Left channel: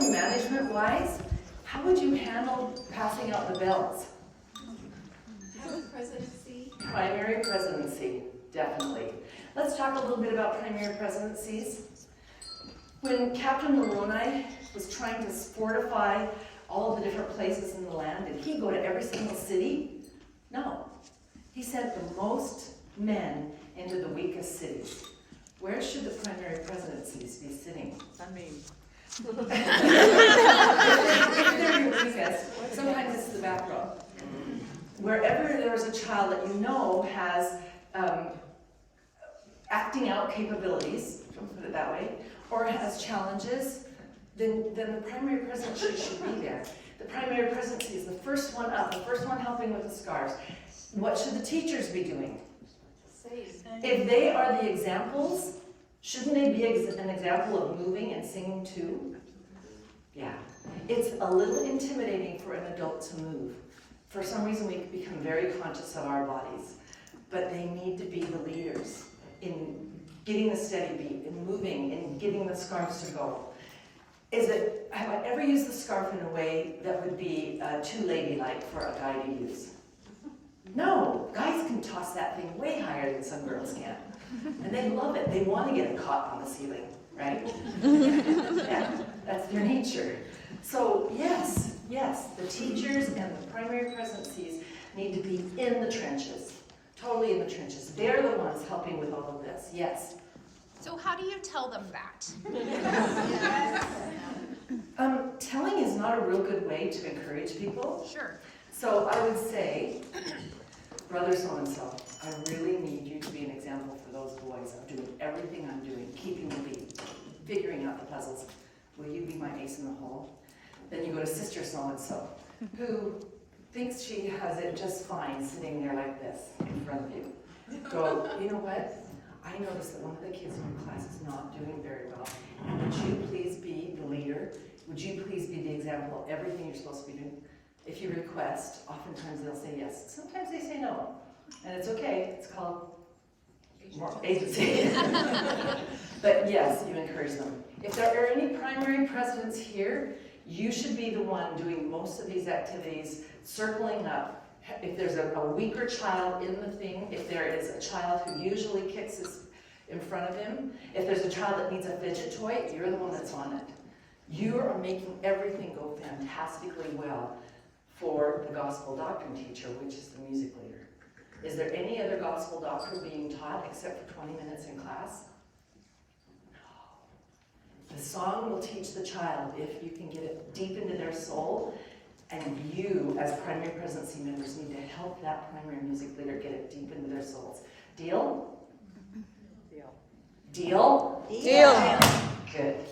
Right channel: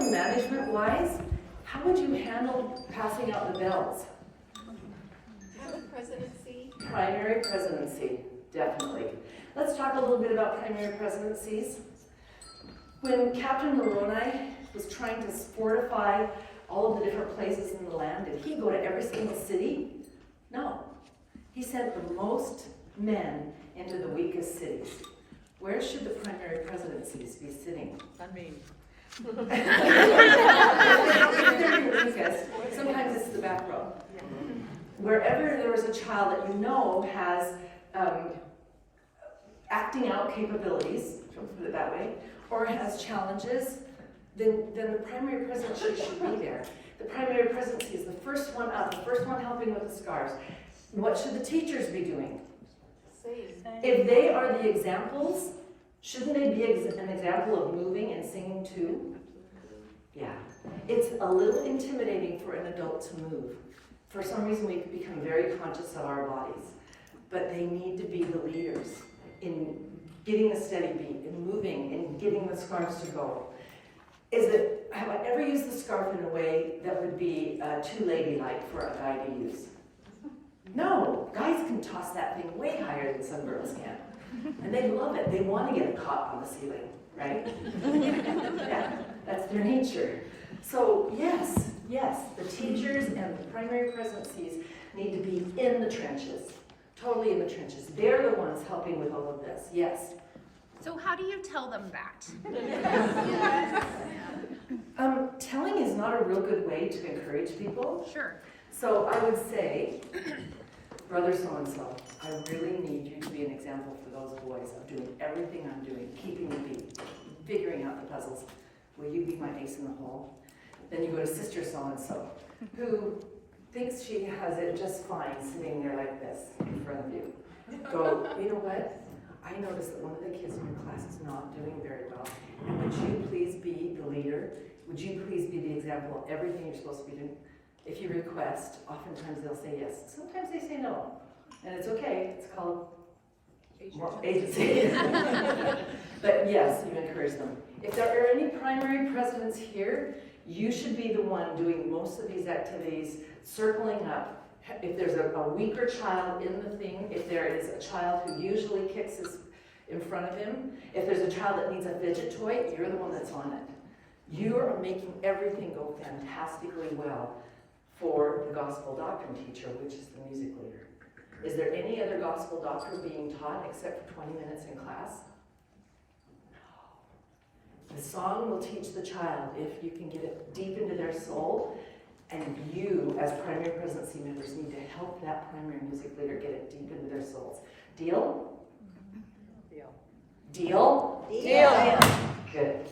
classroom management-wise, how would you handle passing out the bells? Primary presidency, definitely. Let's talk a little bit about primary presidencies. When Captain Moroni was trying to fortify all of the different places in the land, did he go to every single city? No. He sent the most men into the weakest cities. Where should the primary presidencies be sitting? I mean, if they're your weakest, sometimes it's the back row. Wherever there's a child that you know has acting out capabilities, don't put it that way, or has challenges, then the primary presidency should be there. The primary presidency is the first one up, the first one helping with the scarves. What should the teachers be doing? If they are the examples, shouldn't they be an example of moving and singing too? Yeah. It's a little intimidating for an adult to move. For some reason, we become very conscious of our bodies, but they need to be the leaders in getting the steady beat, in moving, in getting the scarves to go. Have I ever used the scarf in a way that would be too ladylike for a guy to use? No, guys can toss that thing way higher than some girls can. And they love it. They want to get it caught on the ceiling, right? Yeah, that's their nature. So yes, the teachers and the primary presidencies need to be in the trenches, totally in the trenches. They're the ones helping with all of this, yes. So how do you tell them that? Telling is not a real good way to encourage people. Sure. So I would say, brother so-and-so, I really need you to be an example for those boys of doing everything I'm doing, keeping the beat, figuring out the puzzles. Will you be my ace in the hole? Then you go to sister so-and-so, who thinks she has it just fine sitting there like this in front of you. Go, you know what? I noticed that one of the kids in your class is not doing very well. And would you please be the leader? Would you please be the example of everything you're supposed to be doing? If you request, oftentimes they'll say yes. Sometimes they say no. And it's okay. It's called agency. But yes, you encourage them. If there are any primary presidents here, you should be the one doing most of these activities, circling up. If there's a weaker child in the thing, if there is a child who usually kicks his in front of him, if there's a child that needs a fidget toy, you're the one that's on it. You are making everything go fantastically well for the gospel doctrine teacher, which is the music leader. Is there any other gospel doctrine being taught except for 20 minutes in class? No. The song will teach the child if you can get it deep into their soul, and you, as primary presidency members, need to help that primary music leader get it deep into their souls. Deal? Deal? Deal? Deal. Good.